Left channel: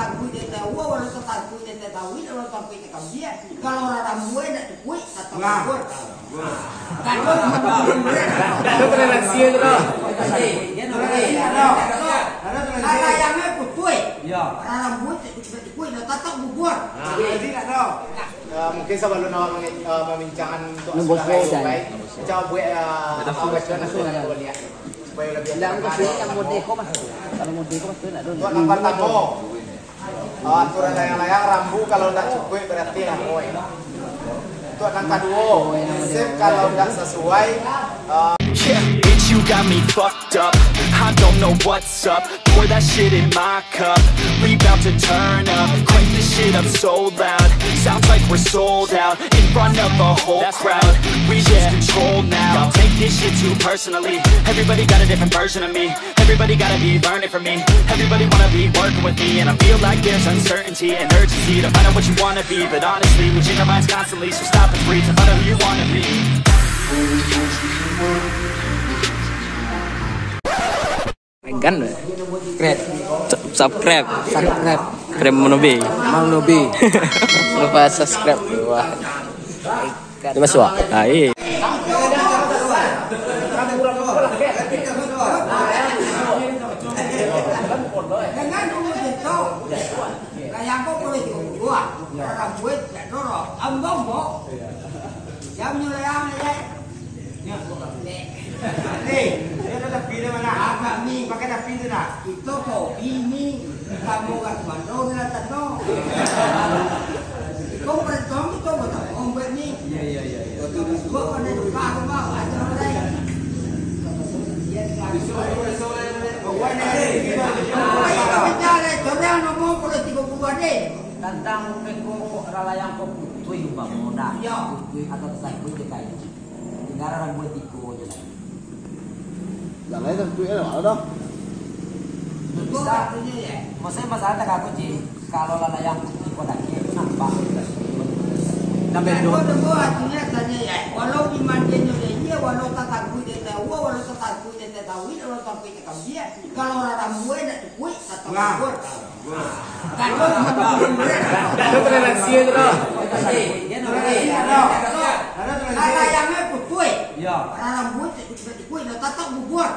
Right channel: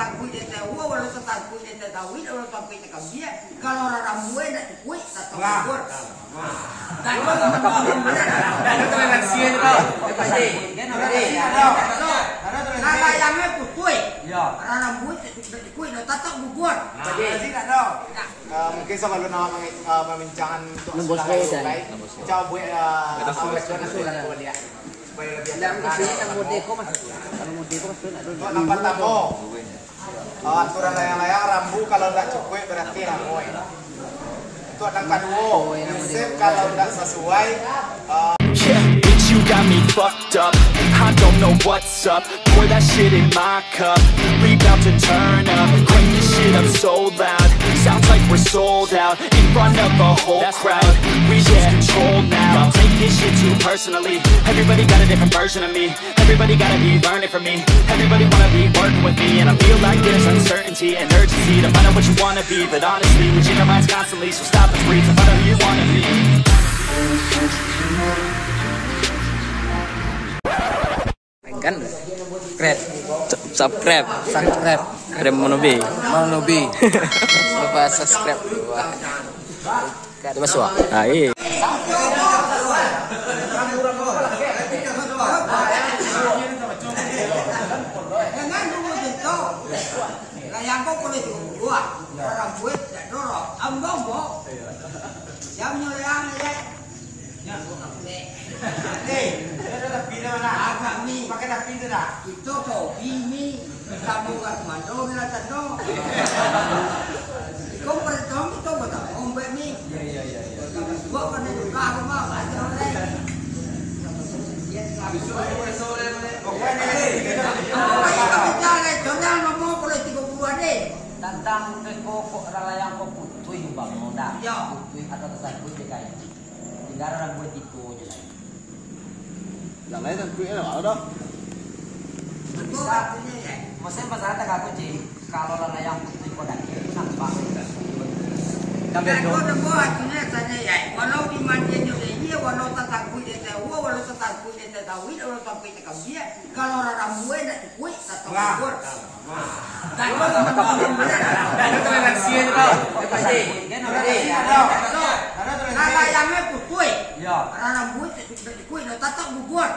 tatagui de tawa walau tatagui de tatawi walau sampai ke dia kalau orang rambut nak cukup atau kubur kalau ada toleransi itu layangnya putui orang rambut cukup atau tatak kubur mungkin sebelum membincangkan untuk coba buat lihat supaya lebih yang modeko mas. Kalau modeko mas nak dulu. Untuk nampak tamu. Aturan layang-layang rambu kalau tidak cukup berarti rambu. Untuk angka 2. Kalau tidak sesuai yeah, bitch, you got me fucked up. I don't know what's up. Pour that shit in my cup. We bout to turn up. Crank this shit up so loud. Sounds like we're sold out in front of a whole crowd. We lose control now. I'll take this shit too personally. Everybody got a different version of me. Everybody gotta be learning from me. Everybody wanna be working with me, and I feel like there's uncertainty and urgency to find out what you wanna be. But honestly, we change our minds constantly, so stop and breathe and find out who you wanna be. Kan? Subscribe. Krem Monobi. Lupa subscribe. Wah. Ini masuk. Ah, iya. layang kok boleh dibuat orang buat dan dorong ambang bo jam layang ya itu kopi ini kamu kan mandor na tano kau pertama itu betul ombek ni gua kan itu kau mau ada orang tentang kekoko ralayang koko tuh bang moda ya atau tesan gue cekai negara orang boleh tiko aja lagi yang lain tentu ya udah bisa maksudnya masalah tak aku sih kalau ralayang tiko lagi nampak tapi gua artinya tanya ya walau di mandinya dia walau tatagui dia tahu walau tatagui dia tahu walau sampai ke dia kalau orang rambut nak cukup atau kubur kalau ada toleransi itu layangnya putui orang rambut cukup atau tatak kubur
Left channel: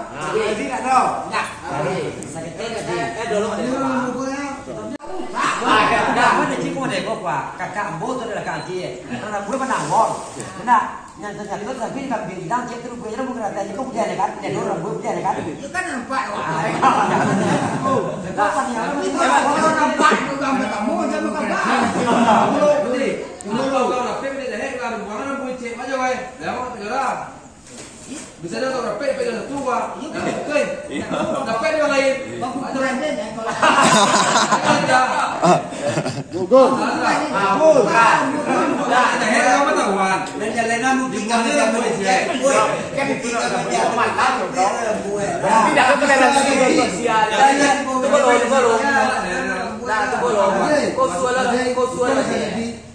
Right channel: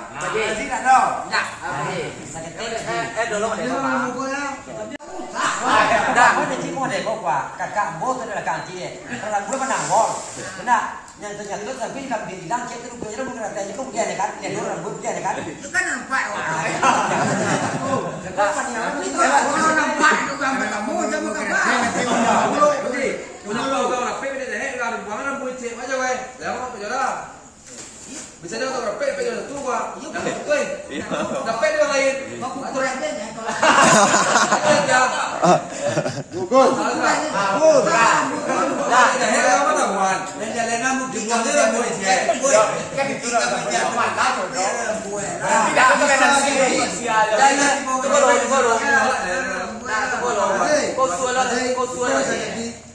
ada cimo deh kok pak kakak bot itu adalah kaki orang gue kan nangor benar yang terjadi itu tapi nggak bilang cek terus gue jadi mungkin ada itu dia nekat dia orang gue dia nekat itu kan nampak nampak juga kamu jangan bisa dia orang rapet pegang tua yang betul rapet orang lain gugur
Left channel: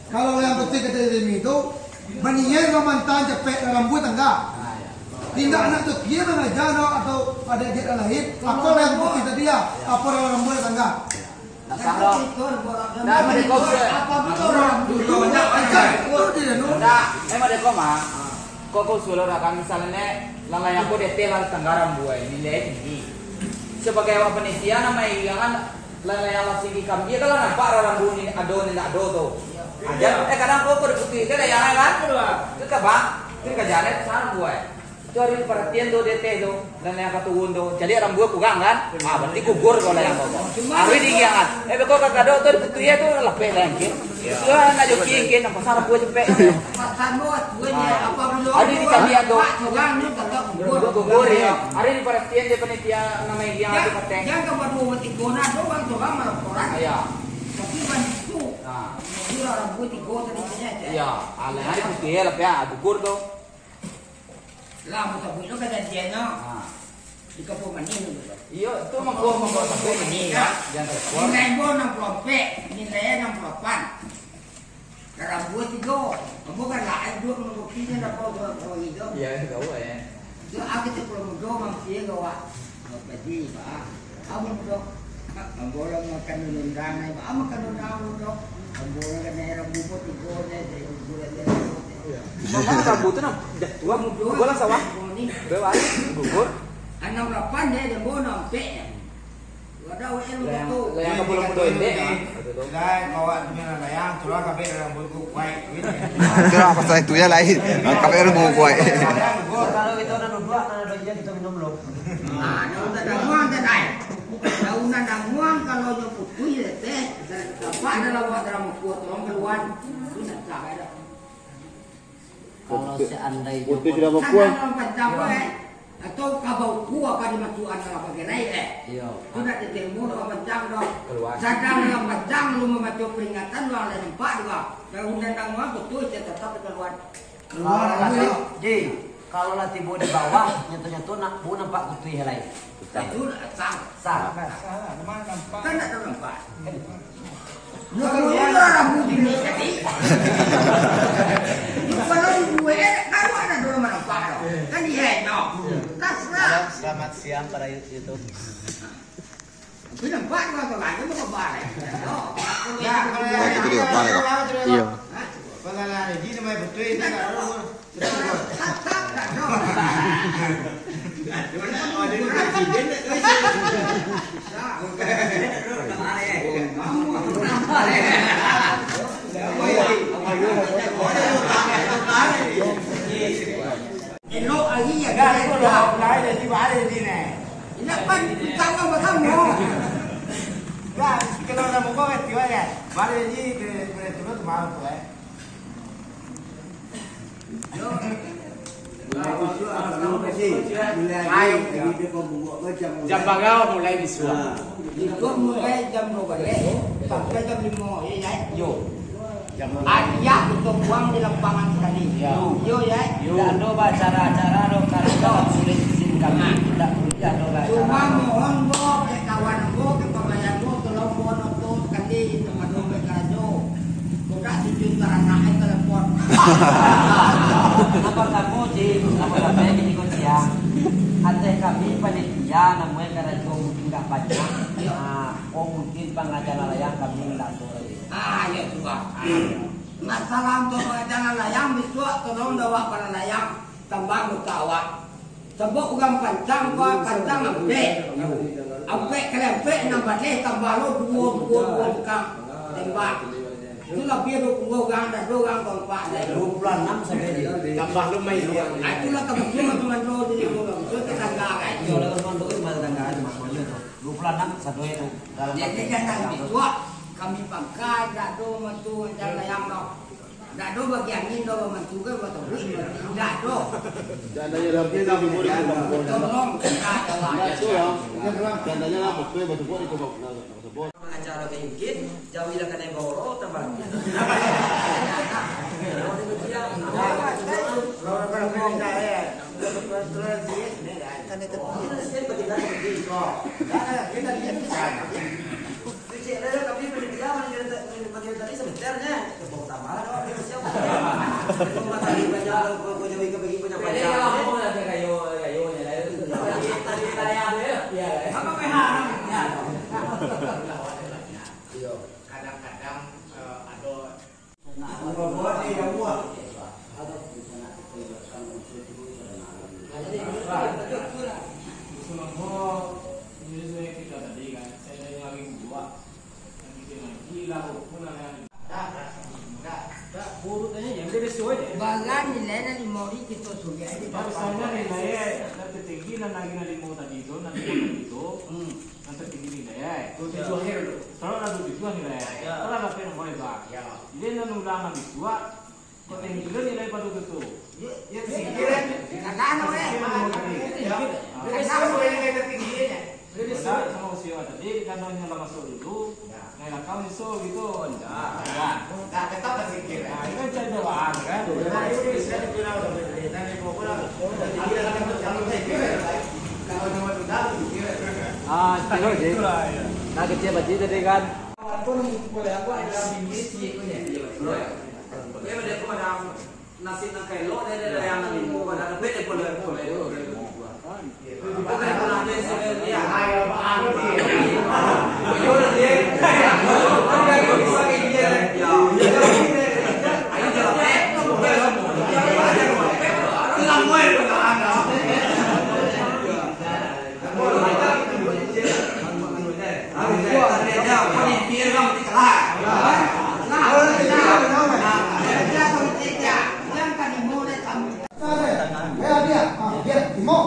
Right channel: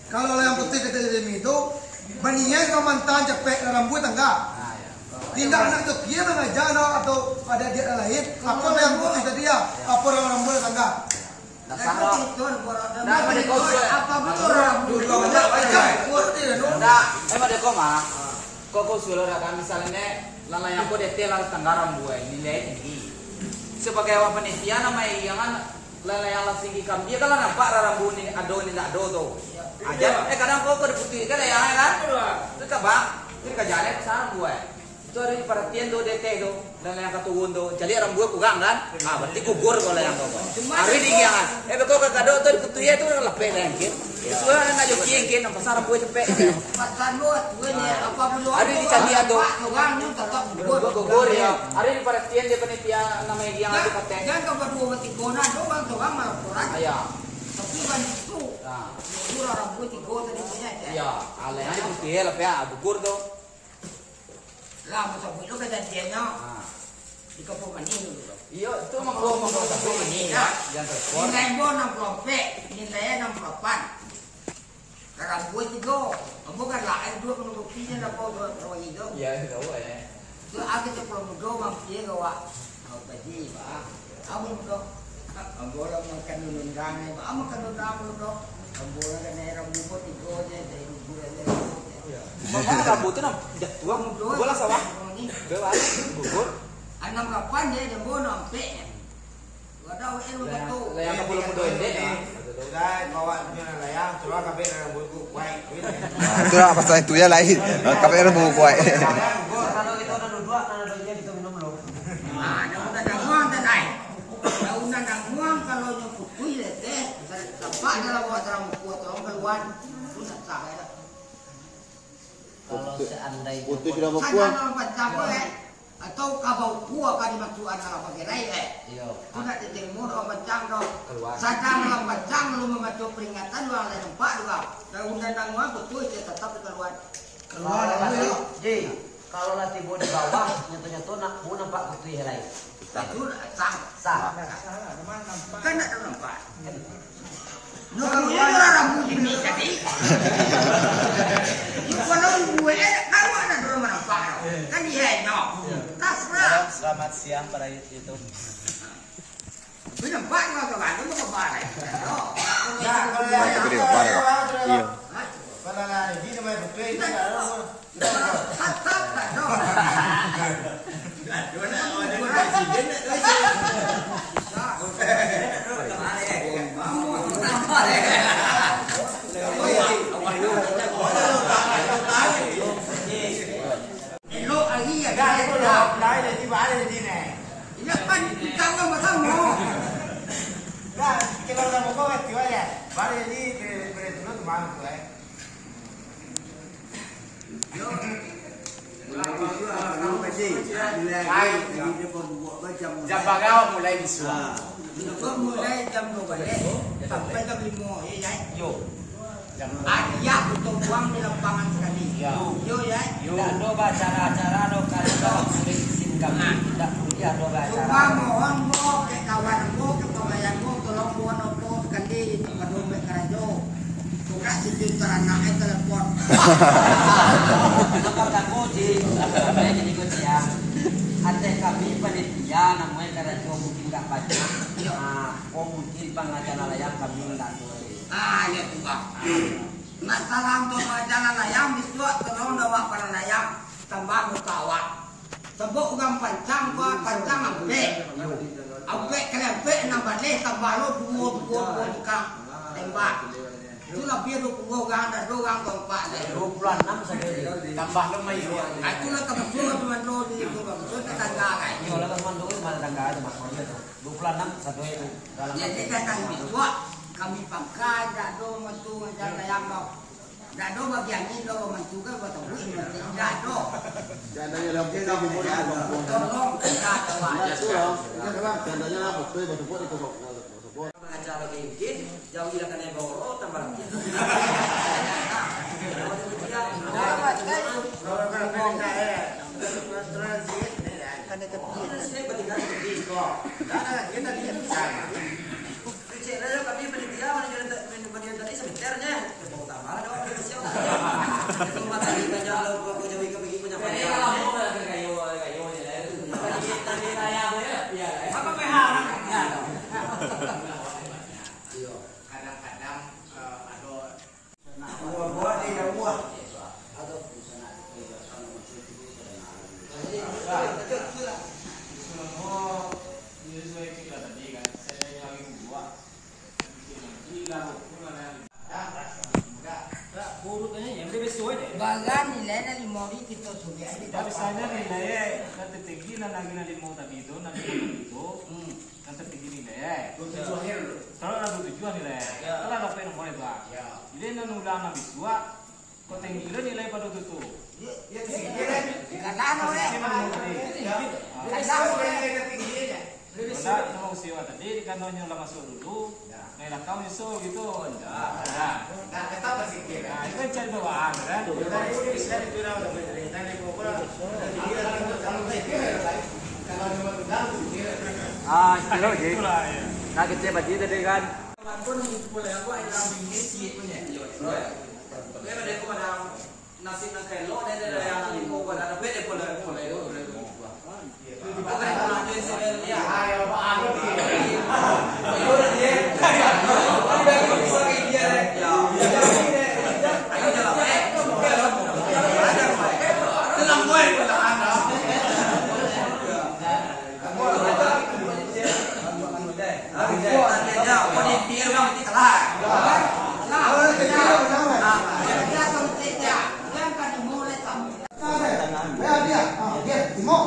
kalau yang putih kata itu mendingan memantan cepet rambut enggak tindak anak tu dia mengajar atau ada dia lain apa yang putih tadi ya apa orang rambut enggak apa betul rambut emang deko mah kok suara kan misalnya layang kok detail tanggaran buai nilai ini sebagai orang penelitian nama yang layang langsung ikam dia kalau nampak rambut ini ado ni tak ado tuh aja kadang kok putih kan layangnya kan itu bang itu kerjanya sana buai itu hari perhatian do DT do dan yang katuun do jadi orang buah kugang kan berarti kubur kalau yang koko hari di kiangan beko kakak do tuh putih itu lepek lagi itu anak joki yang pasar buah cepet hari di candian do kubur ya hari di perhatian dia penitia namanya yang itu kateng jangan kepada mati gona doang doang melaporan iya tapi bantu kurang rambut di gona tadinya iya alenya putih lepek kubur do lah musa punya kejadiannya di kampung ini dulu iya itu mengko tapi ini ya jangan terkuat nilai gua 60 nilainya 68 karena gue tiga bukan lah dua mengurusinya apa dua itu iya kau ya dua aku 70 mampir gua jadi kamu tuh Ambola makan undang ai, makan undang dok. Ambola kan rambu pot igone dai gule. Mama rambu tu nak tua bola sawah. Bawa gugur. Anam lapan dia bono ampe. Wadau elu betul. Layang ke pulau mudo ini. Dah bawa punya layang, curah kafe rambut kuai. Curah pasal itu ya lain. Kafe rambu kuai. Kalau itu ada dua, ada dua kita minum belum. Ada danguan tadi. Daunan danguan kalau nyebut kuih teh, bapak dalam buat ramu kuat orang keluar. Sudah sah ada. Kalau seandainya Putih sudah berkuah. Atau kabau kuah pada masukan kalau pakai rai Iya. Sudah diterima orang macam dong. Sadang orang macam lu membaca peringatan lu ada tempat juga. Dan undang-undang betul tetap keluar. Ji, kalau latih di bawah, nyentuh-nyentuh nak bu nampak putih lain. Itu sah. Sah. Kan ada nampak. Lu keluar orang ini tadi. Lu kalau gue kan ada dua nampak. Kan dia no. Selamat siang para YouTube. Nampak kan kan lu mau balik. Itu dia, balik kok. Iya. Kalau ada di mana betul itu Elok lagi ya guys. ada di mana di sini. Ini apa kita mau bertemu? Nah, kalau ada muka mesti ya. Mari di betul tu mana tu Jam bagau mulai disuruh. Itu mulai jam 12 sampai jam 5 ya. Yo. Arya untuk buang di lapangan tadi. Yo ya. Ada acara-acara kalau sulit kami tidak perlu ada Cuma mohon mo ke kawan mo ke pemayan mo tolong mohon upload kali tempat mo karajo. Sudah sejuta anak telepon. Apa kamu di apa namanya di Kocia? Ada kami panitia namanya Karajo mungkin tak banyak. Oh mungkin pengacara layang kami tidak tahu. Ya juga. Masalah untuk pengacara layang biswa tolong bawa para layang tambah mutawat. Sebab orang pancang gua pancang ampe kelempe nambah leh tambah lo dua tukang tembak. Itulah biar orang dan orang tempat dari 26 sampai Tambah lu main dia. itulah teman-teman lo di orang so tetangga kan. kalau teman itu malah tangga aja maksudnya 26 sampai dalam Jadi datang biswa kami pakai dado metu jaga yang lo. Dado bagian ini lo juga betul enggak do. Jandanya rampung di bawah di kubur. Tolong kita kawan. Itu loh. Jandanya apa tuh betul di kubur. pengacara mungkin jauhilah kena goro tambah. Bagan nilai na limori kita sudah ada. Misalnya nilai yang tertinggi lagi na limo tadi itu, nanti yang tertinggi nilai. Kalau ada tujuan nilai, kalau ada apa yang mau lebar. Jadi nulang na biswa, kau tinggi nilai pada itu. Ada sama usia tadi di kantornya lah masuk dulu, naik kau nyusul gitu, enggak. Nah, itu kan cari doang kan. Kilo je. Nah, kecil baju tadi kan. Aku boleh aku ada bingkai sih punya. Dia pada aku madam nasi nang kelo dia yang nang limo kan ada beda boleh. Bukan kalau dia sebel dia. Dah, panitia orang mesti kalah. Kalau nanti Dia panitia, jangan dimulai sama. dia, dia Timo.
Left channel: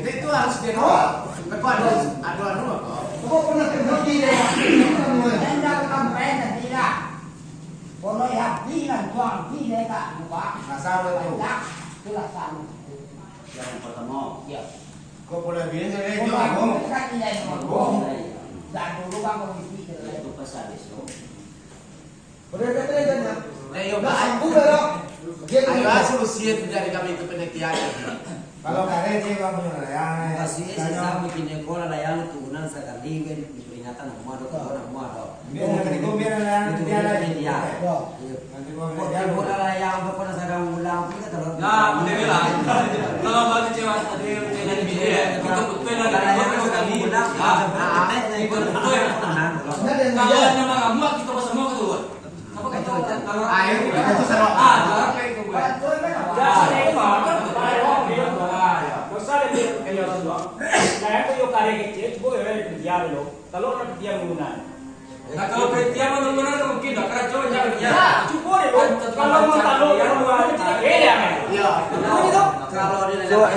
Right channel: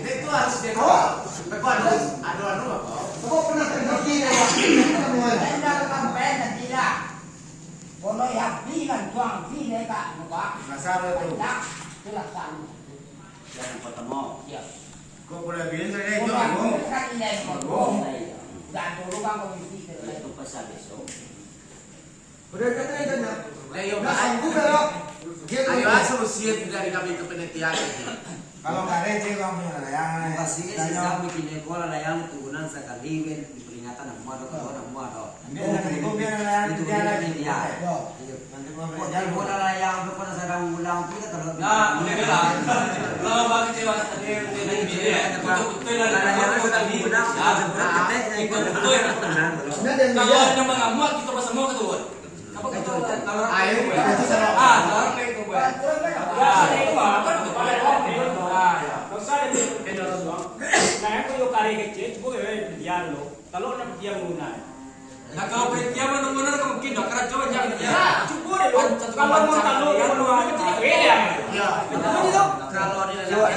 Itu harus dibawa. Ada rumah kok. Kau pernah terjadi dia? Anda kampen tidak. Kalau yang bilang tuang tidak tak lupa. Masalah itu. Itulah sama. Yang pertama. Ya. Kau boleh bilang saya Kalau jual. aku kan ini ngomong. Dan dulu kan komisi itu pasal besok. Berbeda dengan. Ayo, Aku belok. ayo solusi dari kami ke penelitian. Kalau kare sih kamu yang Masih saya bikin ekola layang turunan sekali di peringatan aku mau nanti bola layang pokoknya saya ulang kita terus. Nah, udah bilang. Kalau bang kecewa tadi dengan biaya, betul-betul kalau nama kamu kita pas semua ketua. Apa kita kalau ayo itu sama apa itu gue. Ya, itu apa? Besar ini kalau doang. Nah, aku yo kare kecil, gue dia dulu. Kalau nak dia menggunakan. Nah kalau berarti benar-benar kamu tidak karena coba jangan ya. Cukup deh. Kalau mau taruh yang luar beda kan. Ya. Kalau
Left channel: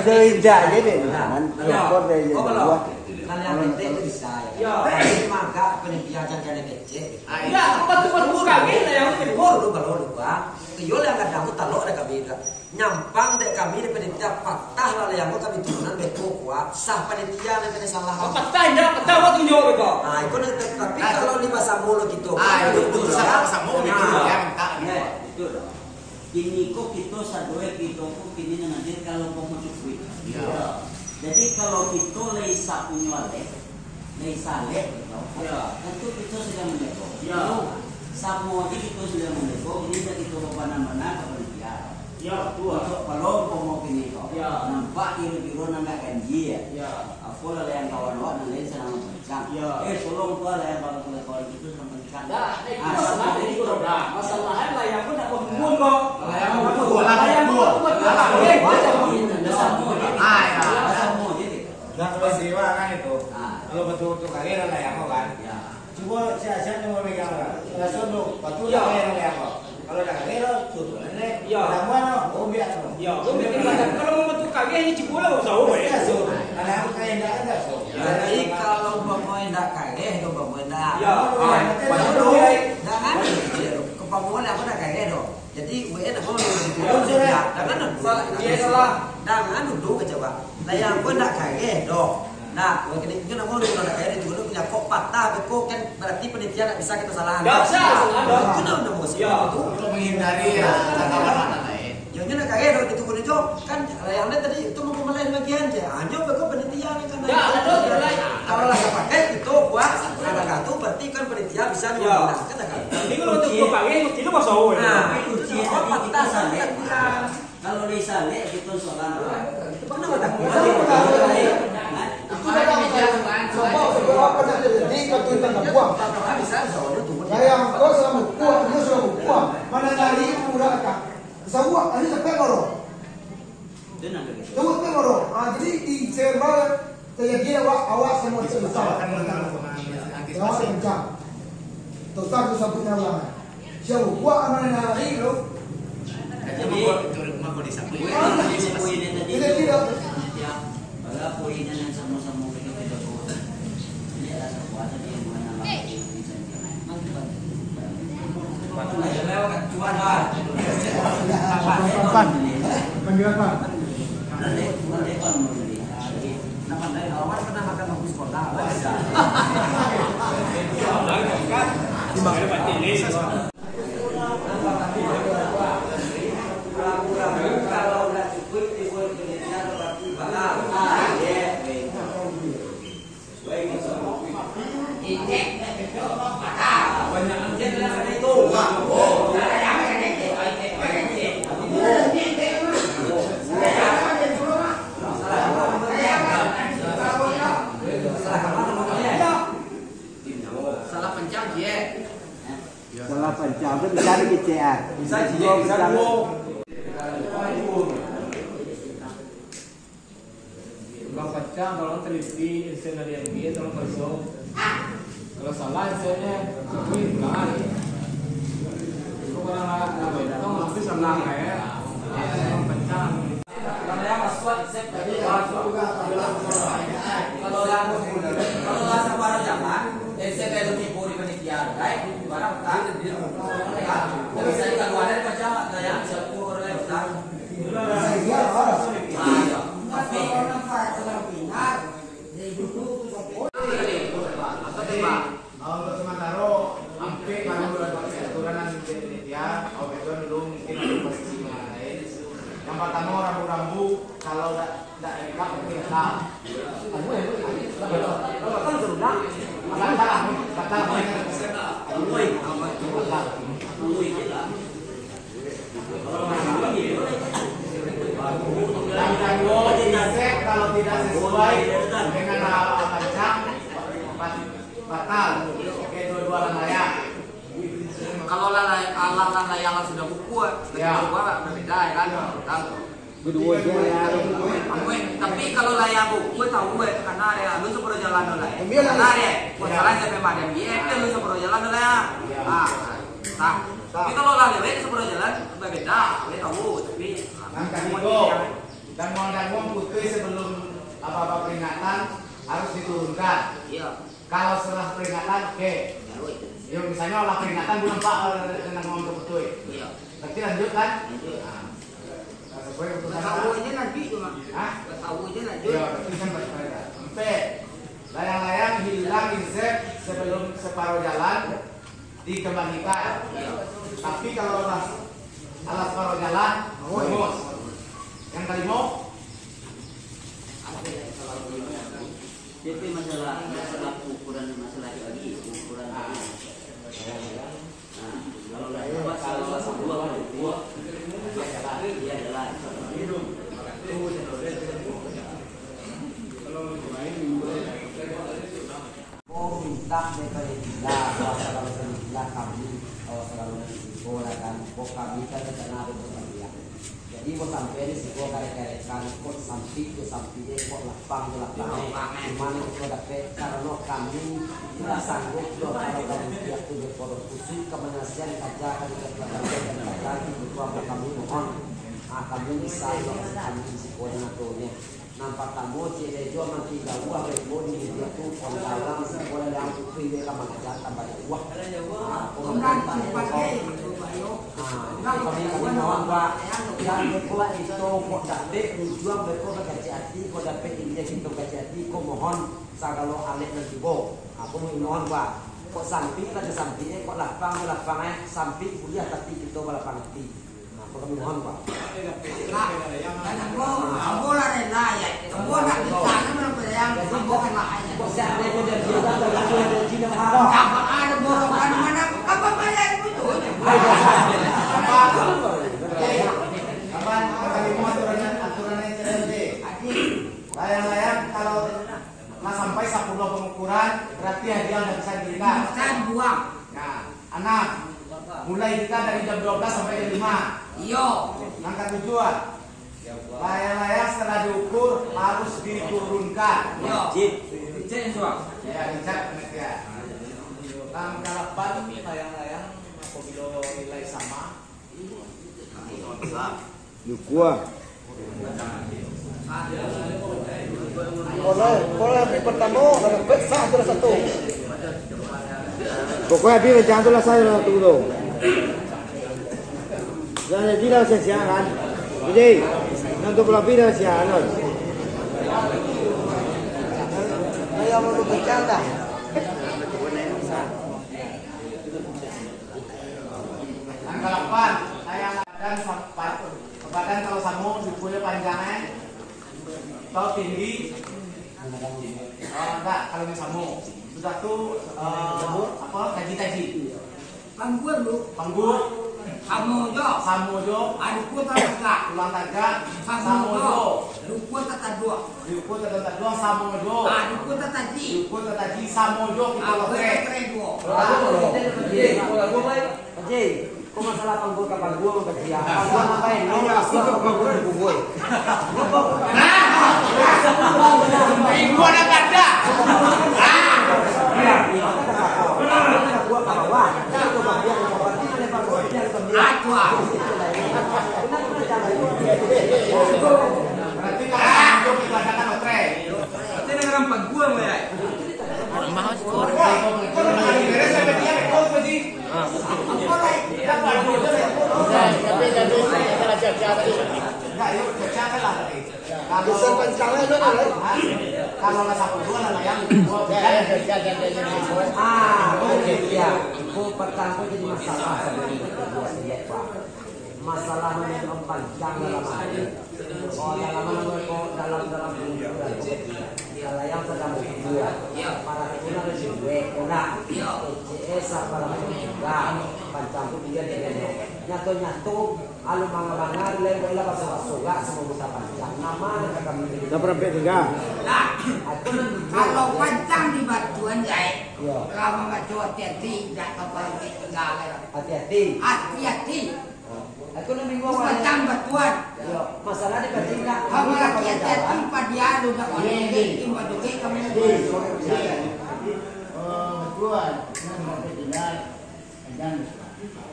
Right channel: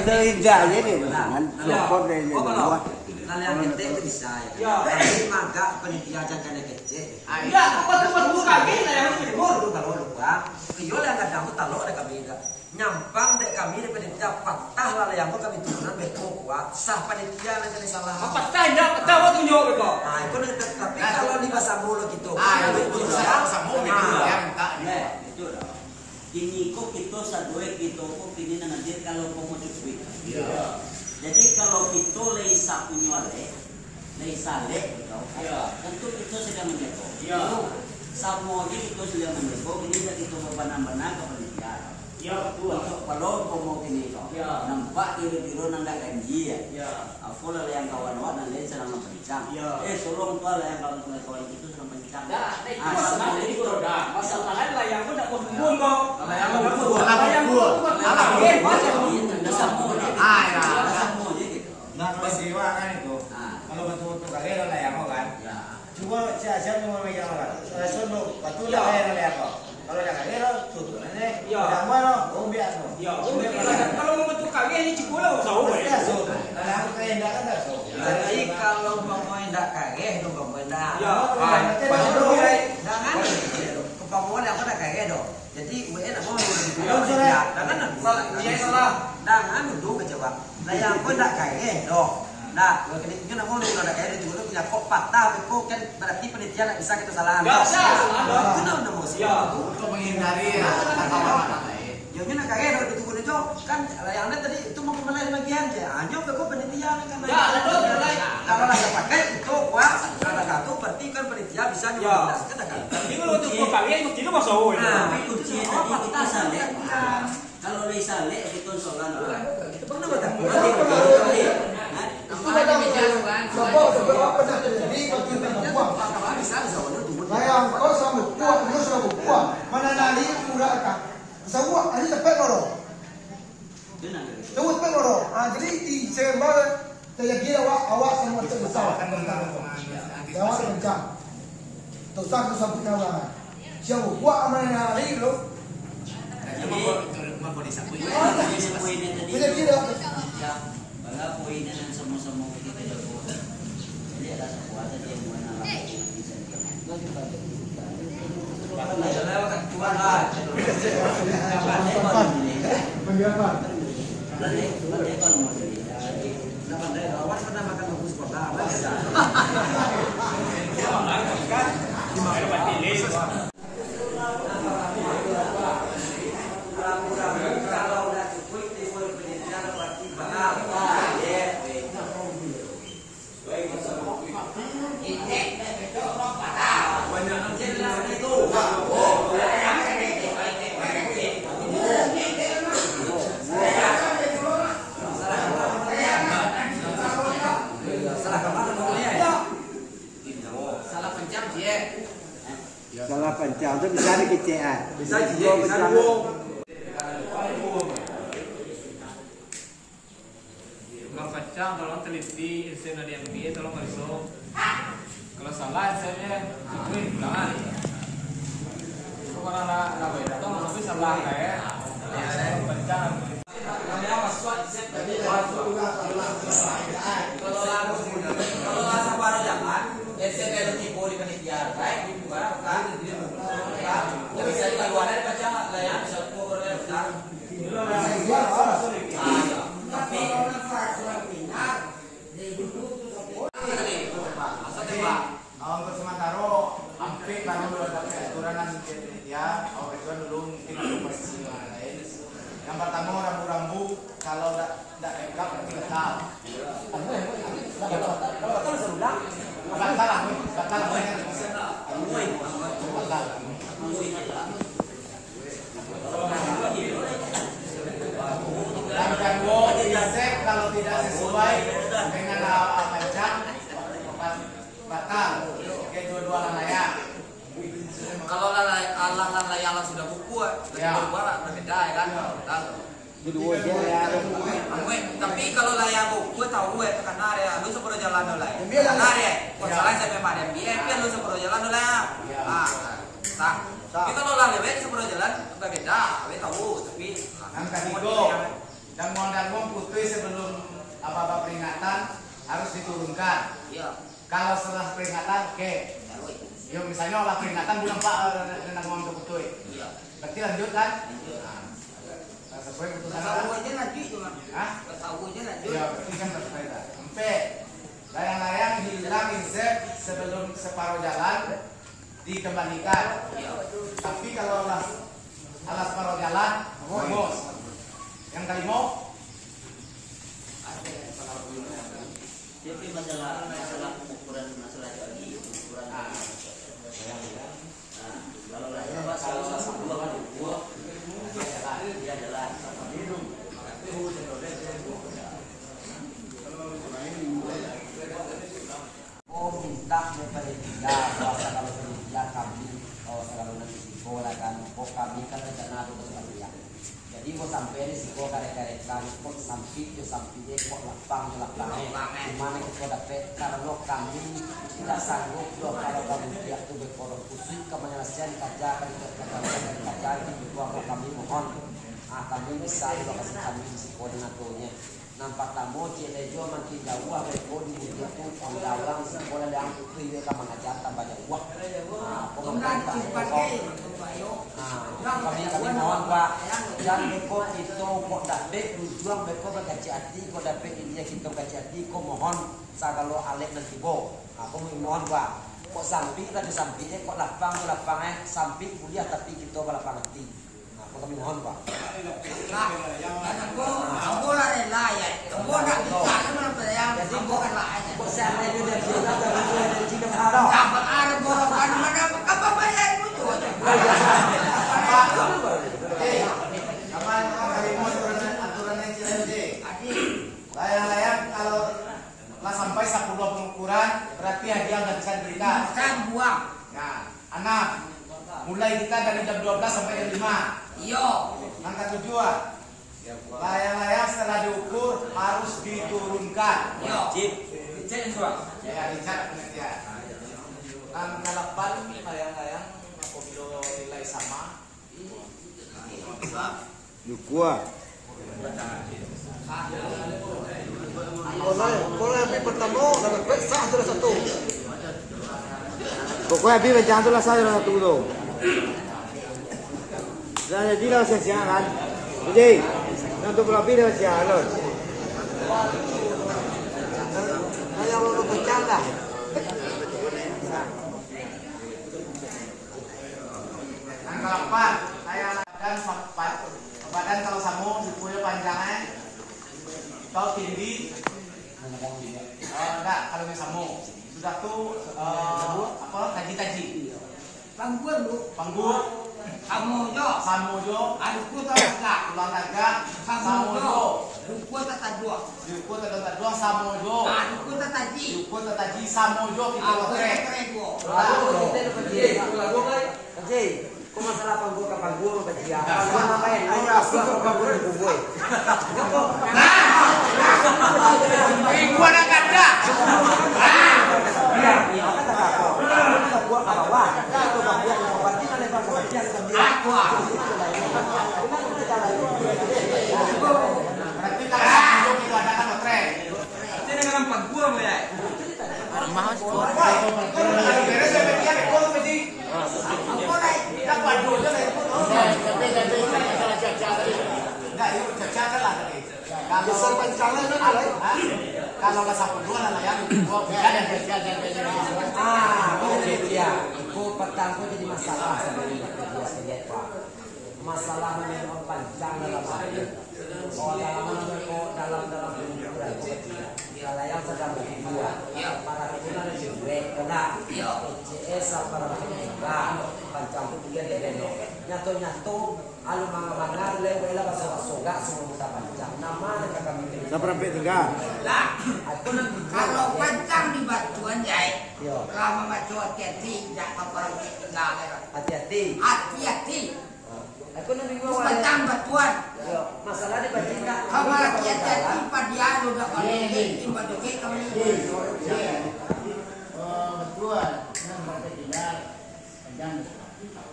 dari jaya deh, kan? Lokor dari jaya luar. kalau yang penting itu bisa ya. Tapi maka penelitian jangan kecil. Ya, kita tuh kami yang Kalau lupa, kayol yang kadang tuh talok ada kami nyampang dek kami di penelitian patah lalu yang kami turunan betul kuat sah penelitian yang kena salah. Patah waktu jauh itu. Nah itu tapi kalau di bahasa mulut gitu. itu sama gitu yang tak Itu ini kok kita sadoi kita kok kini nanti kalau kamu cukup. Jadi kalau kita leisa punya leisa gitu. Tentu kita sudah mendepo. Sama kita sudah mendepo. Ini kita berbana-bana ke penelitian. Kalau kamu kini kok nampak biru-biru nanda kanji ya. Aku lah yang kawan-kawan nanti sedang mempencang. Tolong tuh lah yang kawan-kawan itu sedang mempencang. Masalahnya lah yang pun tak kumpul kok. Nah peristiwa kan itu. Kalau betul-betul karir lah yang kan. Cuma saya mau megang orang. Saya suruh betul lah karir lah yang kalau dah karir tuh nanti orang mana biasa. Kalau mau betul kali ini cukup lah usah. Nah aku kayak tidak ada. Jadi kalau mau tidak kaget dong benar. Kepamuan aku dah kaget dong. Jadi gue nak mau jangan duduk coba. Nah yang gue tak kaget dong. Nah, kalau kita nak mau duduk nak kaget itu punya kok patah, kok kan berarti penelitian tak bisa kita salahkan. Itu dah mau sih. Untuk menghindari yang nak kaget itu pun itu kan yang ada tadi itu mau kemana bagian je. Hanya kok penelitian kan. Kalau lah pakai itu kuat. Kalau kartu berarti kan penelitian bisa menggunakan kan. Jadi kalau untuk kali itu tidak masuk. Tapi kunci tadi kita saleh. Kalau di saleh di konsolan apa? Sayang kau sama kuat, kau sama kuat. Mana nari udah tak. Sawah ini cepet loro. Sawah cepet loro. Jadi di sembal terjadi awak semua besar. Awak kencang. Tuh tak tu sabut nama. Siapa kuat mana nari lo? Jadi Tidak kira. Bangga poin yang sama-sama kita tidak boleh. Jadi ada sebuah yang mana lama Menjualkan. Salah pencang tu bisa dikecek. Bisa dua. Bang Pacang tolong teliti insen dari MBA tolong masuk. Kalau salah hasilnya cukup benar. Orang beda tuh masih salah kayak yang pencang. Kalau yang waswat set tadi kalau lah separuh jalan, saya belum ibu di panitia, baik barang kan. Tapi saya keluarin macam kayak sepuluh kan. Tapi untuk sementara hampir karena bulan aturan nanti ya, awal itu dulu mungkin ada posisi yang lain. Yang pertama rambu-rambu kalau tidak lengkap nanti letak. Kalau kan serumah, dan kedua dicek kalau tidak sesuai dengan macam batal. Oke, dua-dua layak. Kalau layak sudah buku, ya berbeda ya kan. Kedua dia Tapi kalau layak buku tahu gue karena ada lu sepuluh jalan dulu ya. Karena ya, masalah sampai pada dia kan lu sepuluh jalan dulu ya. Nah, tapi kalau lah lebih sepuluh jalan berbeda, gue tahu. Tapi Yang kedua, dan uang putih sebelum apa-apa peringatan harus diturunkan. iya. Kalau setelah peringatan, oke. Ya misalnya olah peringatan bulan Pak tentang uang putih. Iya. Berarti lanjut kan? Lanjut. Nah, sesuai keputusan. Tahu aja lanjut cuma. Hah? Tahu aja lanjut. Iya, berarti kan bersepeda. Sampai layang-layang hilang izin sebelum separuh jalan dikembalikan. Tapi kalau alas separuh jalan, bonus. Yang kelima, Jadi masalah ukuran masalah ini ukuran kalau satu kan dua dia jalan minta daripada kita kuasa kalau kerja kami kalau risiko lah kan kami kan rencana ada bersedia. Jadi mau sampai risiko karek-karekan kok sampai kok lapang dimana kita dapat kalau kami tidak sanggup kalau kami tiap tuh berkorban khusus kemenasian kerja di bawah kami mohon kami bisa lokasi kami risiko dengan tuhnya nampak tamu cile jo makin jauh repo di itu on dalam sekolah yang itu dia mengajarkan banyak uang kami mohon Pak yang beko itu kok dapat tujuan beko berkaji hati kok dapat dia kita berkaji hati kok mohon sagalo alek nanti bo aku mohon Pak kok sampai tadi sampingnya kok lapangnya sampai kuliah tapi kita balapang hati kami mohon Pak. Kamu lah rela ya. Kamu nak bisa kan berapa kamu kan lah aja. Kok seandainya dia ada di mana? Apa ada bohongan mana? Apa bayar itu? Layang-layang kalau sampai 10 pengukuran berarti hadiah nggak bisa diberikan. Saya buang. Nah, anak mulai kita dari jam 12 sampai jam 5. Iya. Langkah tujuan. Layang-layang setelah diukur harus diturunkan. Wajib. Cek semua. Ya, dicek penelitian. Langkah 8 layang-layang apabila nilai sama. Dukua. Kalau yang pertama dapat satu satu. Pokoknya habis macam tu lah saya satu tu. Dan jadi lah saya kan. Jadi untuk lebih dah siang lah. Saya mau bercanda. Langkah 4 layang badan sampai badan kalau samu dipuyul panjangnya atau tinggi. Enggak, kalau yang samu sudah tuh apa taji-taji. Panggul lu. Panggul. Samojo. Aduku tataga. Ulang taga. Samojo. Duku tatadua. Duku tatadua Samojo. Aduku tataji. Duku tataji Samojo kita lotre. Haji, kok masalah panggul ke panggul mau kajian? Panggul ngapain? Ayo asik panggul panggul. Gua nak ada. Iya, apa tak apa? buat ke bawah. Itu bagian yang berarti kan lebar bagian dia. Benar jalan itu. Berarti kalau sapu itu adakan otre. Ini dengan empat gua ya. Mahal skor. Enggak, yuk caca lah tadi. Kalau lah sapu dua lah yang dua boleh dia. Kau petang kau jadi masalah sebenarnya. Masalah mengenai panjang dalam hati. Oh dalam pengukuran kalau yang sedang berdua para ketulah lebih baik kena CS para juga panjang itu dia nyatu alu mangar lewela baso gak semua muta panjang nama kami Sampai tinggal. Kalau panjang di batuan jai lama batu hati-hati tak kapal tinggal hati-hati aku nak bingung panjang batuan masalah di batinda kalau lagi hati-hati padialu nak maduke kami Tuan, yang sampai tinggal panjang.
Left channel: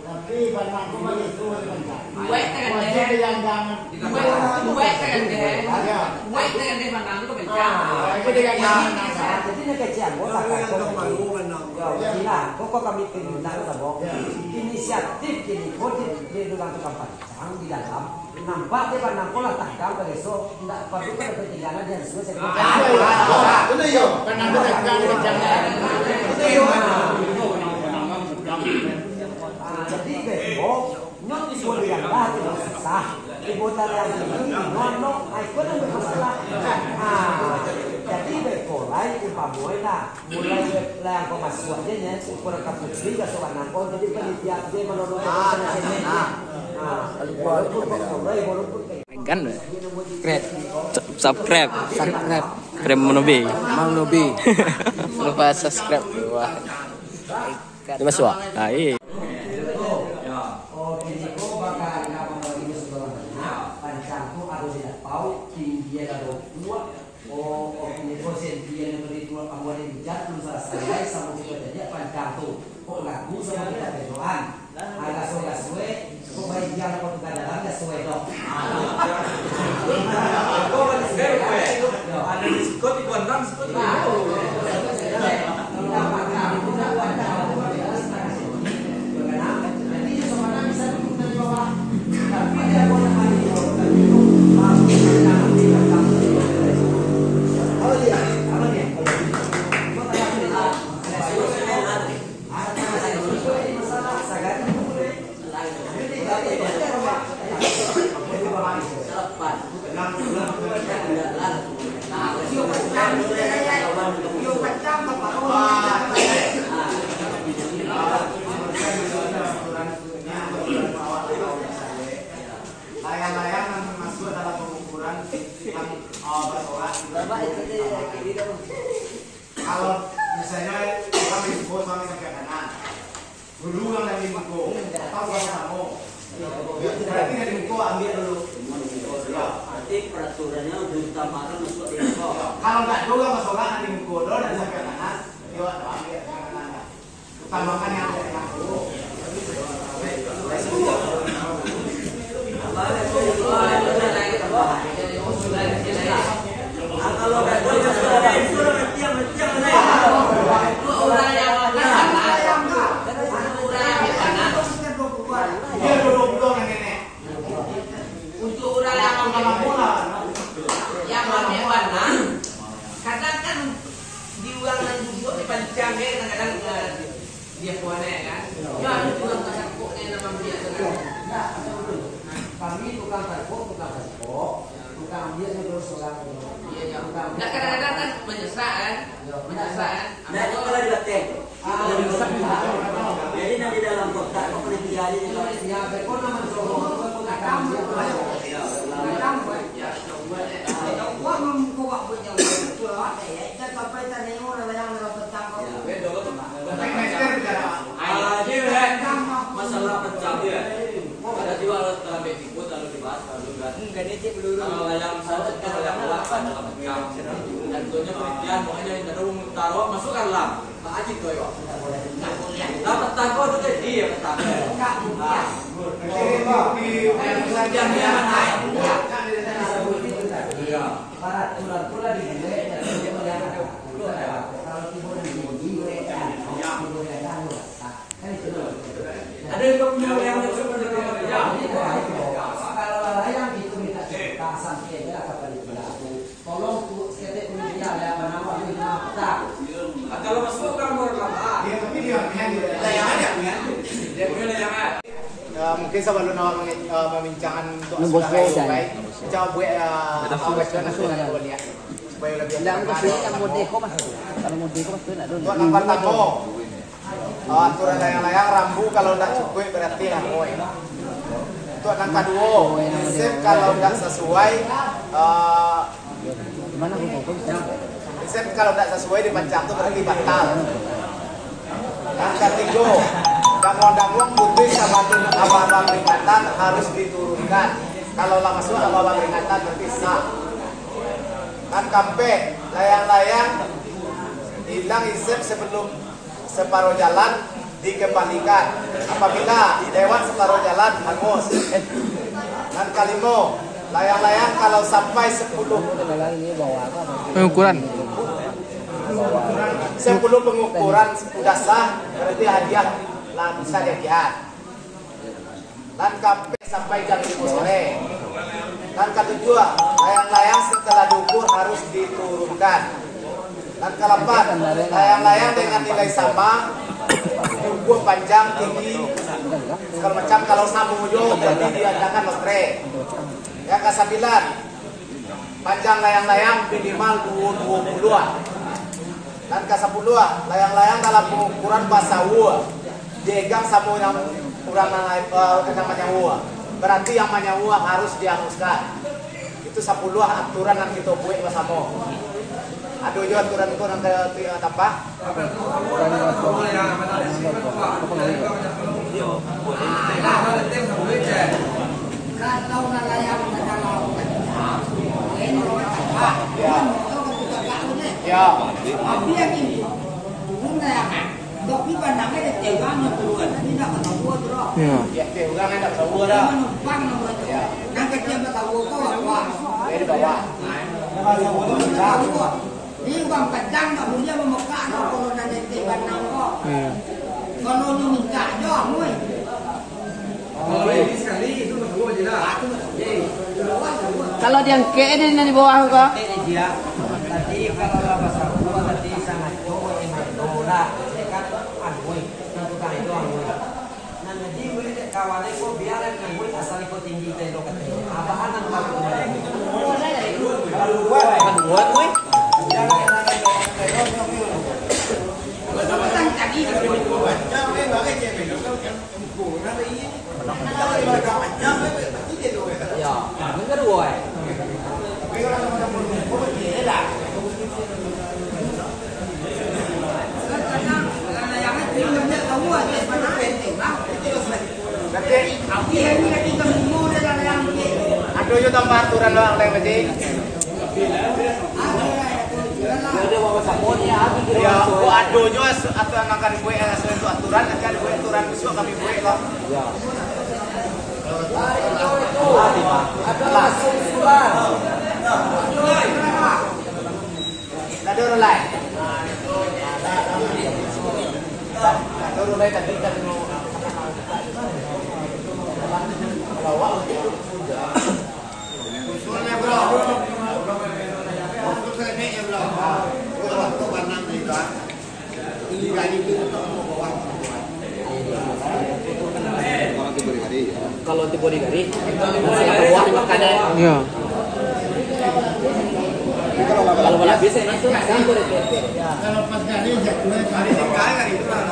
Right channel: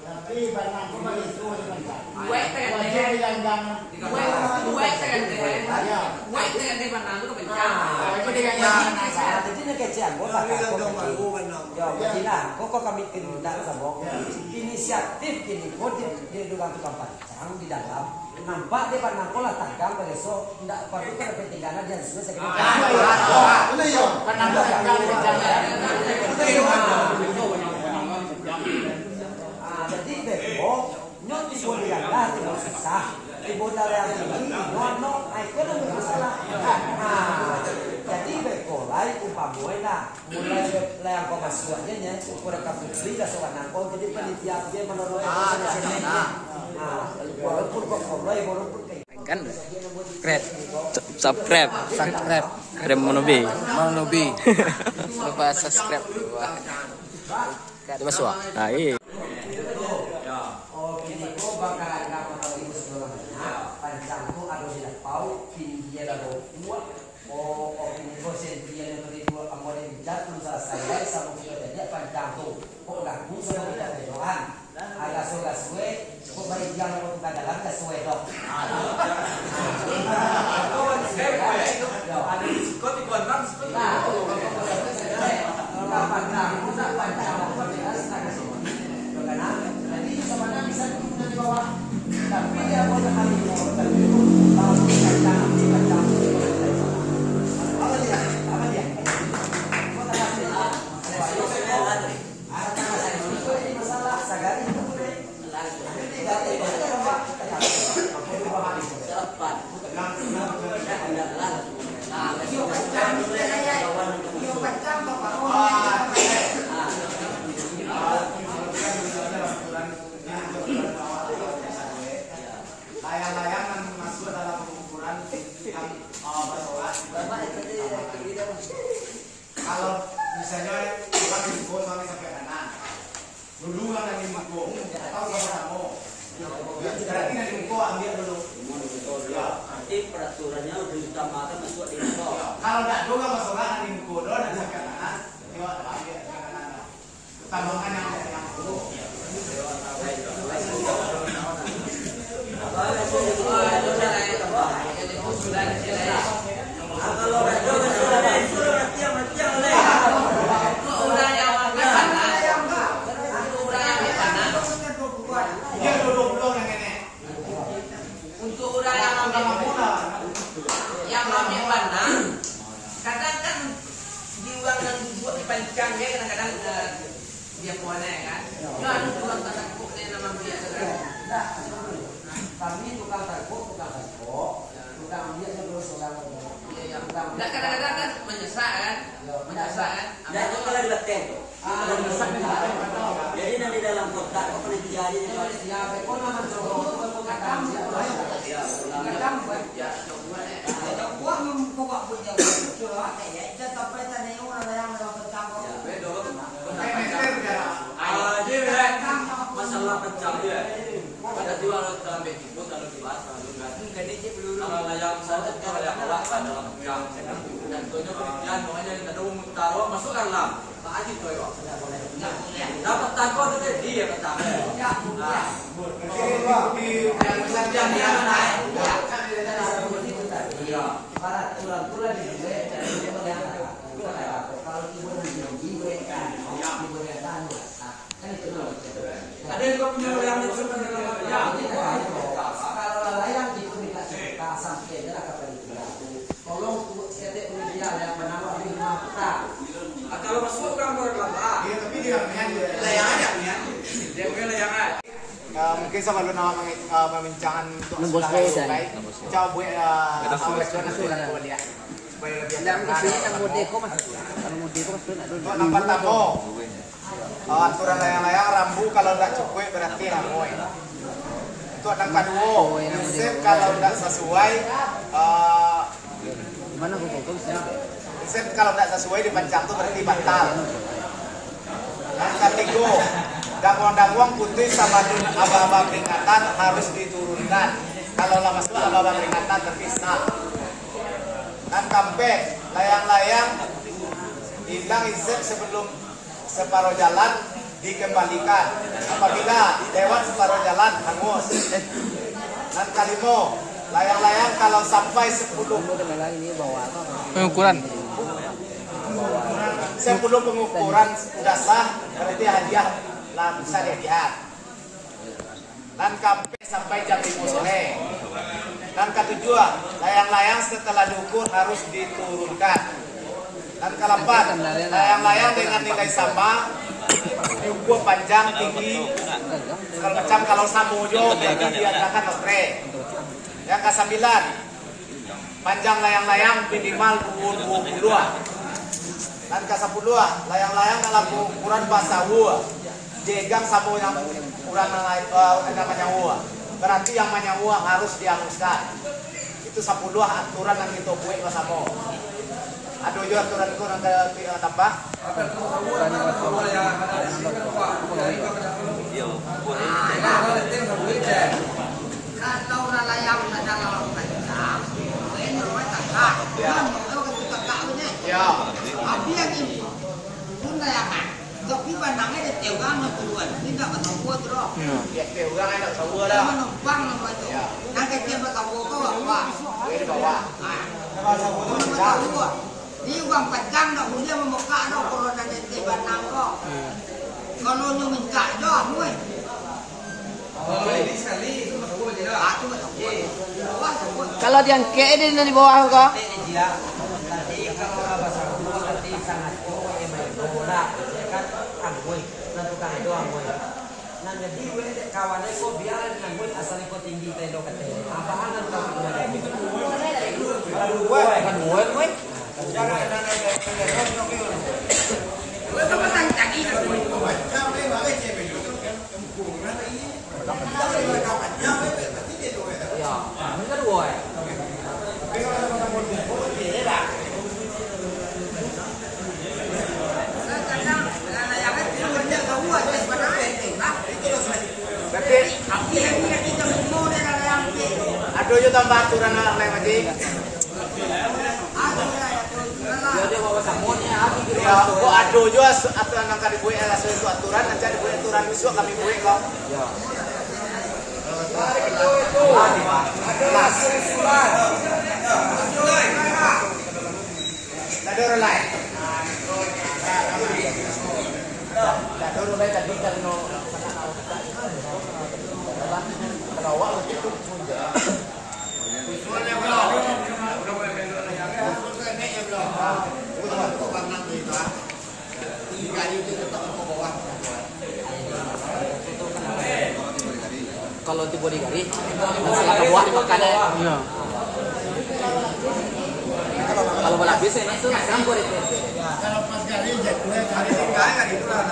Tapi barang aku bagi itu panjang. Wajib yang jangan. Jadi nak kecian bos akan kau kami pindah sama inisiatif kini kau di dalam tukang panjang di dalam nampak dia pandang kau lah takkan ke besok tidak perlu kan pertindakan dia sesuai sekali. Itu ya. Jadi besok nyot boleh anda tidak susah. Ibu tara yang ini, no, aku nak masalah. Jadi bekolai umpamoi lah, mulai yang kau masuk aja nya, kurang kaputri ke soal nangkau, jadi penelitian dia menurut sana sini. Walaupun bekolai, walaupun Kan subscribe. Frame Monobi. Lupa subscribe. Wah. Di masuk. Ah, iya. Layang-layang nanti masuk dalam pengukuran kalau misalnya orang info sampai kanan dulu yang dari info atau kamu berarti dari info ambil dulu Nanti peraturannya diutamakan masuk di info. kalau nggak juga masukkan dari info dan sampai kanan dia ambil kanan utamakan yang dari info. Untuk orang yang ambil panah, kadang kan diulang dan dibuat di panjang kadang-kadang dia puannya kan. Ya ada tukang takut nama dia kan. Kami tukang takut, tukang dia sebelum seorang. Nah kadang-kadang kan menyesak kan. Nah itu kalau dibatik. Jadi nanti dalam kotak penelitian ini. Ya, bekon nama Jogo, Kadang masalah pencang dia. Ada juga dalam begitu lalu dibahas kalau layang saja kita layang luas dalam pencang dan tentunya penelitian makanya kita taruh masukkan lah Dapat takut tu dia kata. Para tulang-tulang di sini, kalau tiburan di sini, kan itu loh. Ada yang punya yang kecil Kalau layang itu minta kita sampai dia kapal itu. Tolong tuh setiap dia yang menawar di rumah kita. Kalau masuk kamu rekam. Dia tapi dia Layang aja punya. Dia punya layangan. Mungkin sebelum membincangkan untuk coba buat supaya lebih untuk nomor tamu aturan layang-layang rambu kalau tidak cukup berarti rambu. Untuk yang kedua, insep kalau tidak sesuai insep kalau tidak sesuai dipancang itu berarti batal. Yang ketiga, danguang putih sama abang-abang peringatan harus diturunkan. Kalau lama masuk abang-abang peringatan terpisah. Dan kampek layang-layang hilang insep sebelum separuh jalan dikembalikan. Apabila lewat separuh jalan hangus. Dan kalimo layang-layang kalau sampai 10 pengukuran 10 pengukuran sudah sah berarti hadiah bisa dilihat. Dan kampek sampai jam 5 sore. Dan ketujuh, layang-layang setelah diukur harus diturunkan. Dan keempat, layang-layang dengan nilai sama, ukur panjang, tinggi, segala macam. Kalau samujo jadi diadakan lotre. Yang kesembilan, panjang layang-layang minimal 20. Dan ke-10, layang-layang dalam ukuran pasawu, jegang samu yang kurang namanya uwa. Berarti yang namanya uwa harus dihanguskan. Itu 10 aturan yang kita buat bersama. Ada juga aturan itu yang kita tambah. Kalau layang dalam Ya. Abi yang ini, bukan layangan. Tapi pandangnya ada tegang keluar, tidak tahu terus. Ya, tegang tidak tahu dah. Menumpang namanya. Nak kecil tahu kau apa? Di bawah. Tahu kok. Ini uang panjang tak punya memekak tak kalau nanya tegang kok. Kalau nyu minta jauh muai. Sekali itu berdua je lah. Aku tahu. Kalau yang ke di bawah kok Nanti kalau bahasa gua nanti sangat kowe berdola dekat angoi nanti kan itu angoi. Nah jadi boleh dek kawan itu biarin angoi asal itu tinggi telo kata. Apaan nanti kalau gua kan gua gue. Jangan ada Aduh, yo tambah aturan doang teh Pak. Jadi bawa samonnya aku kira. Ya, aduh yo aturan kali gue itu aturan aja aturan besok kali gue kok. Ya. Kelas. Ada orang lain. Ada orang lain tadi kan no. Kalau tiba di gari, setelah buah makannya. iya Kalau balap biasa itu campur itu. Kalau pas kali jatuh Hari tinggal kan itu lah.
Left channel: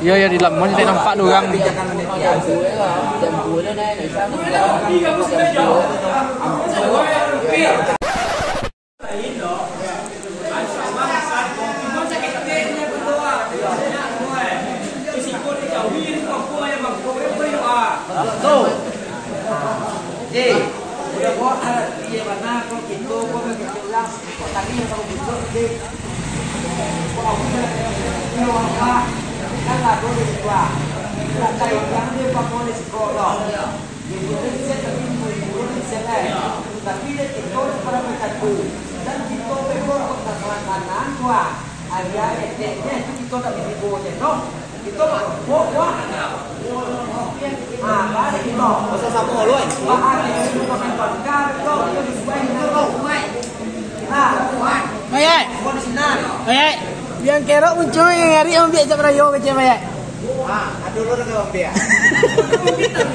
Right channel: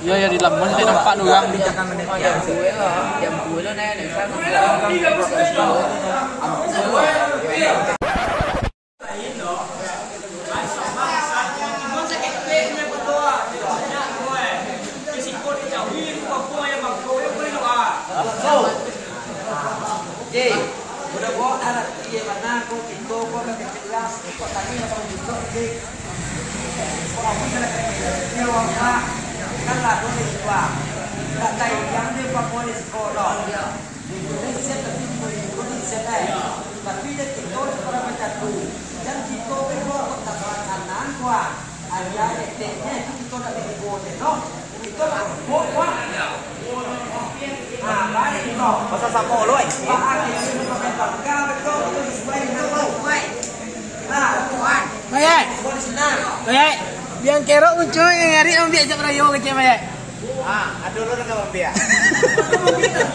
iya ya di lamun saya nampak orang Jam 2 nó đây này sao kok tadi yang kamu butuh sih. Kok aku jalan nyewa kan lah dulu dua. Lah tay yang dia pakai di sekolah. Di Indonesia tapi Indonesia tapi dia itu para pecatu dan kita bego kota kanan gua. Area etnya itu kita tak boleh no. Kita buat balik itu. Masa sama lu eh. Itu pakai bangga betul itu sesuai dengan sesuai. Nah, buat. Mayat. Buat di sana. Mayat. Yang kerok muncul yang hari om biak jak rayo kecil mayat. Aduh lu dengan Bang Bia.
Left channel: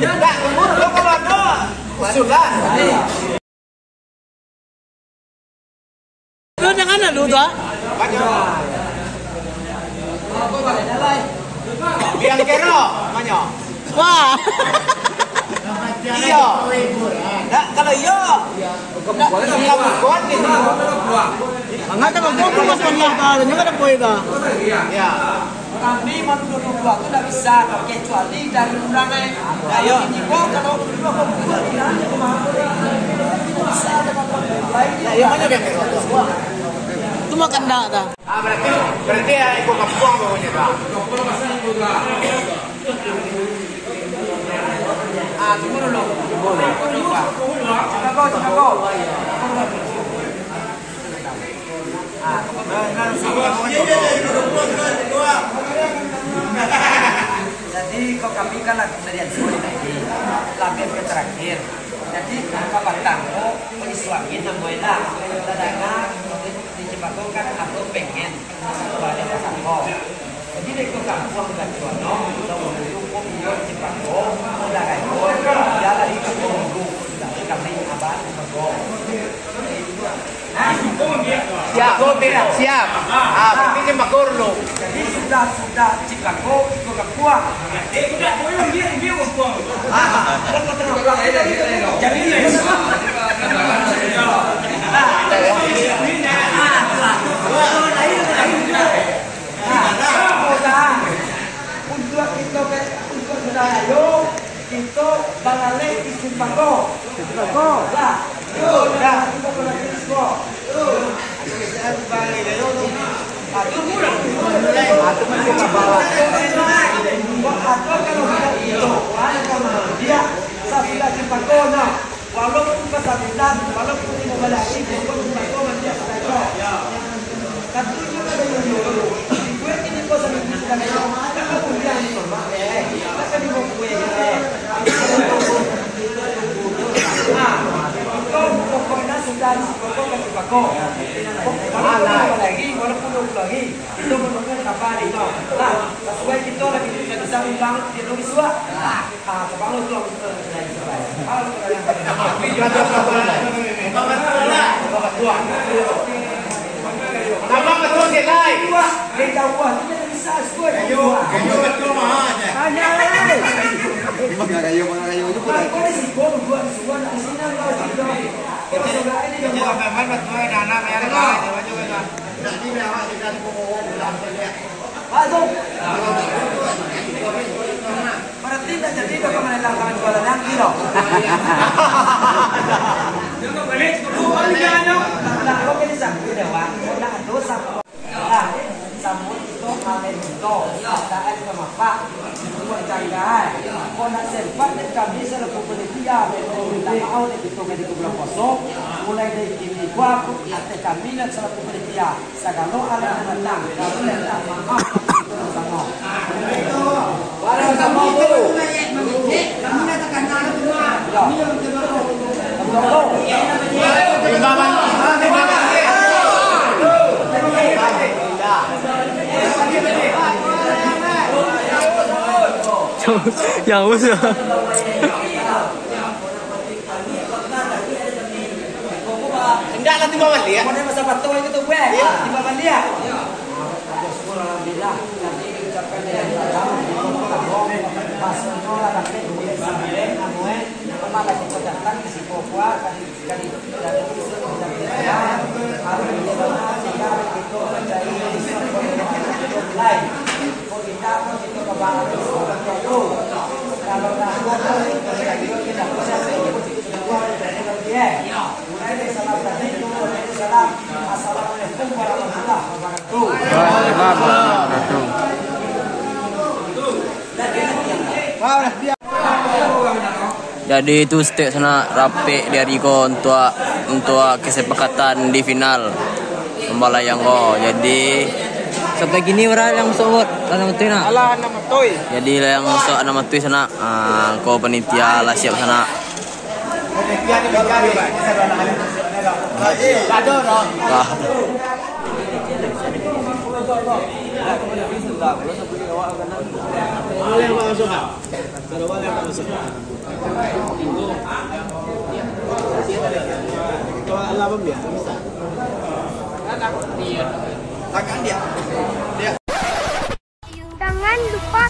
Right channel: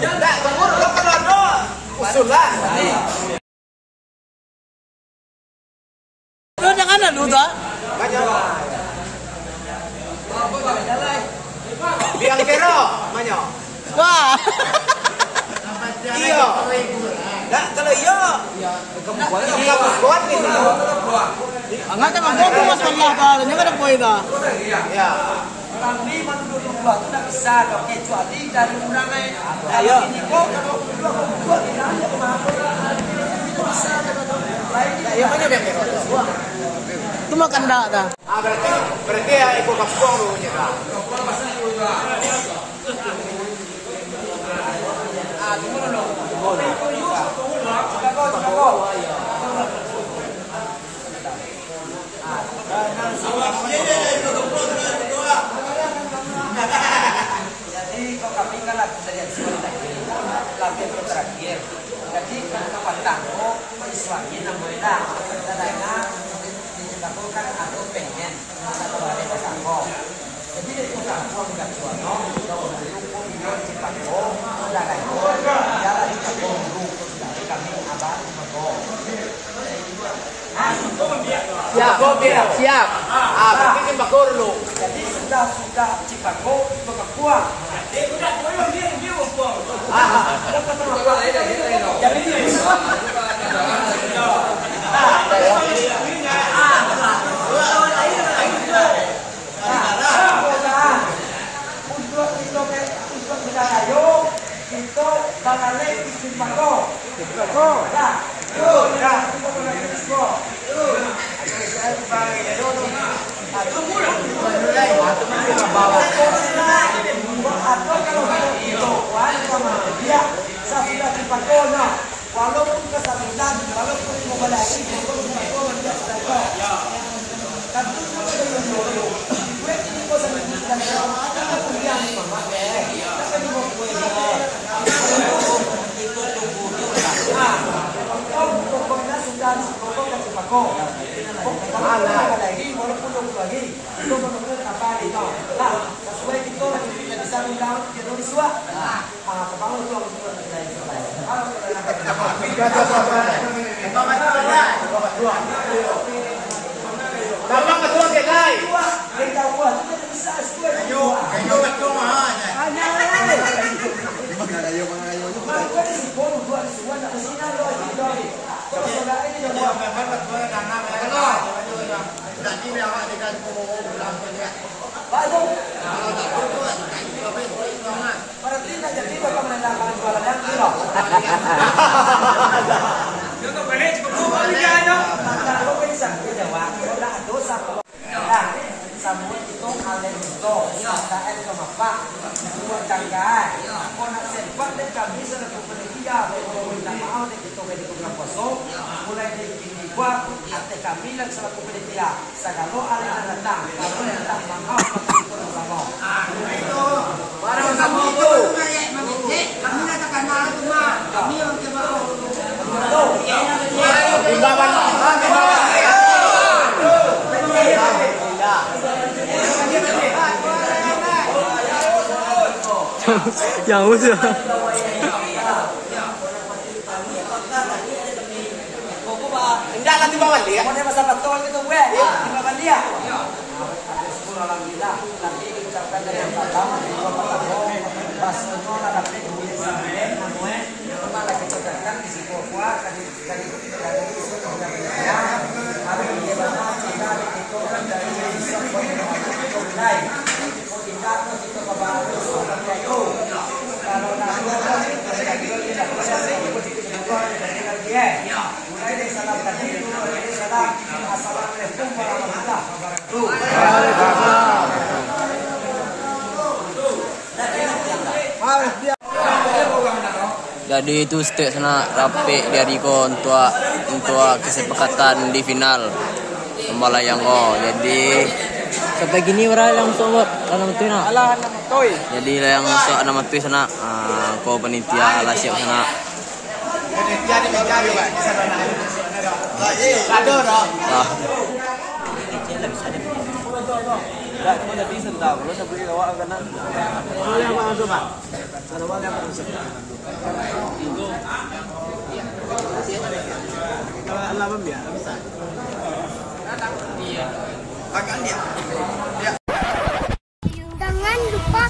Enggak, lu kalau ada usulan. Lu jangan ada lu dah. Biang kerok, manyo. Wah. Iya. Enggak, kalau iya. Kamu buat Kuat gitu. Angkat sama gua tuh mas wallah ta, jangan ada poin dah. Ya. Kami menurut Allah tidak bisa kecuali dari undangan. Ayo. Ini kok kalau bisa ada lain. Ya mana biang kerok? Itu makan dah dah. Berarti ya ikut kampung pokoknya, Pak. Jadi kau kami kan lagi dari sulit lagi, yang terakhir. Jadi kapal kamu menisuangin namanya, dadana di Jepang kan atau pengen satu balik ke kamu. Jadi dari kamu bukan tuano, kita menunggu video di Jepang, udah kayu, jalan di kamu menunggu, dari kami abang menunggu. Siap. Siap. Bikin bakor lu. Jadi sudah Cipako itu kebuang. Jadi untuk berdayo itu balale di Cipako. Lah, dah kita boleh ekspor. Saya balik dulu. Atau kalau itu sama dia saya Cipakono walaupun kesakitan walaupun mau balik pun Cipakono dia saja tapi juga dengan dulu gue ini kok sampai kita kalau kemudian mama tapi di mau gue pokoknya sudah pokoknya Cipakono walaupun lagi itu menunggu kapan itu nah sesuai kita lagi tidak bisa undang di Indonesia sebangun itu Mama ketua kelai. Kita buat tidak bisa sesuai Kayu betul mah. hanya Sambut itu kalian itu ada air kemapa dua canggai konak sempat dan kami selalu penelitian mau itu dari kubur kosong mulai dari kini gua ate kami dan selalu penelitian segala hal datang mulai datang mau Barang sama itu. Kami katakan nama cuma kami orang Cibako. Yang usia. Enggak lah di bawah dia. Mana masa betul itu gue di bawah dia. Alhamdulillah nanti ucapkan yang pas nolak tapi boleh sampai namanya kemana kita datang di Papua kali isu sudah ya hari ini banyak sehingga itu dari mulai kita itu ke barat itu kalau itu tidak bisa mulai dari salam tadi itu dari salam Jadi itu setiap sana rapi dari ko untuk kesepakatan di final membalayang ko. Jadi sampai gini orang yang sumut anak mati na. Ala anak matoy. Jadi yang so anak mati sana ko panitia lah siap sana. Panitia ni menjadi sarana hari Lado dong. Ada bisa tak? Kalau sampai awak kanan. Boleh masuk ah. Ada wagan masuk. Kalau Allah dia bisa. Tangan dia. Jangan lupa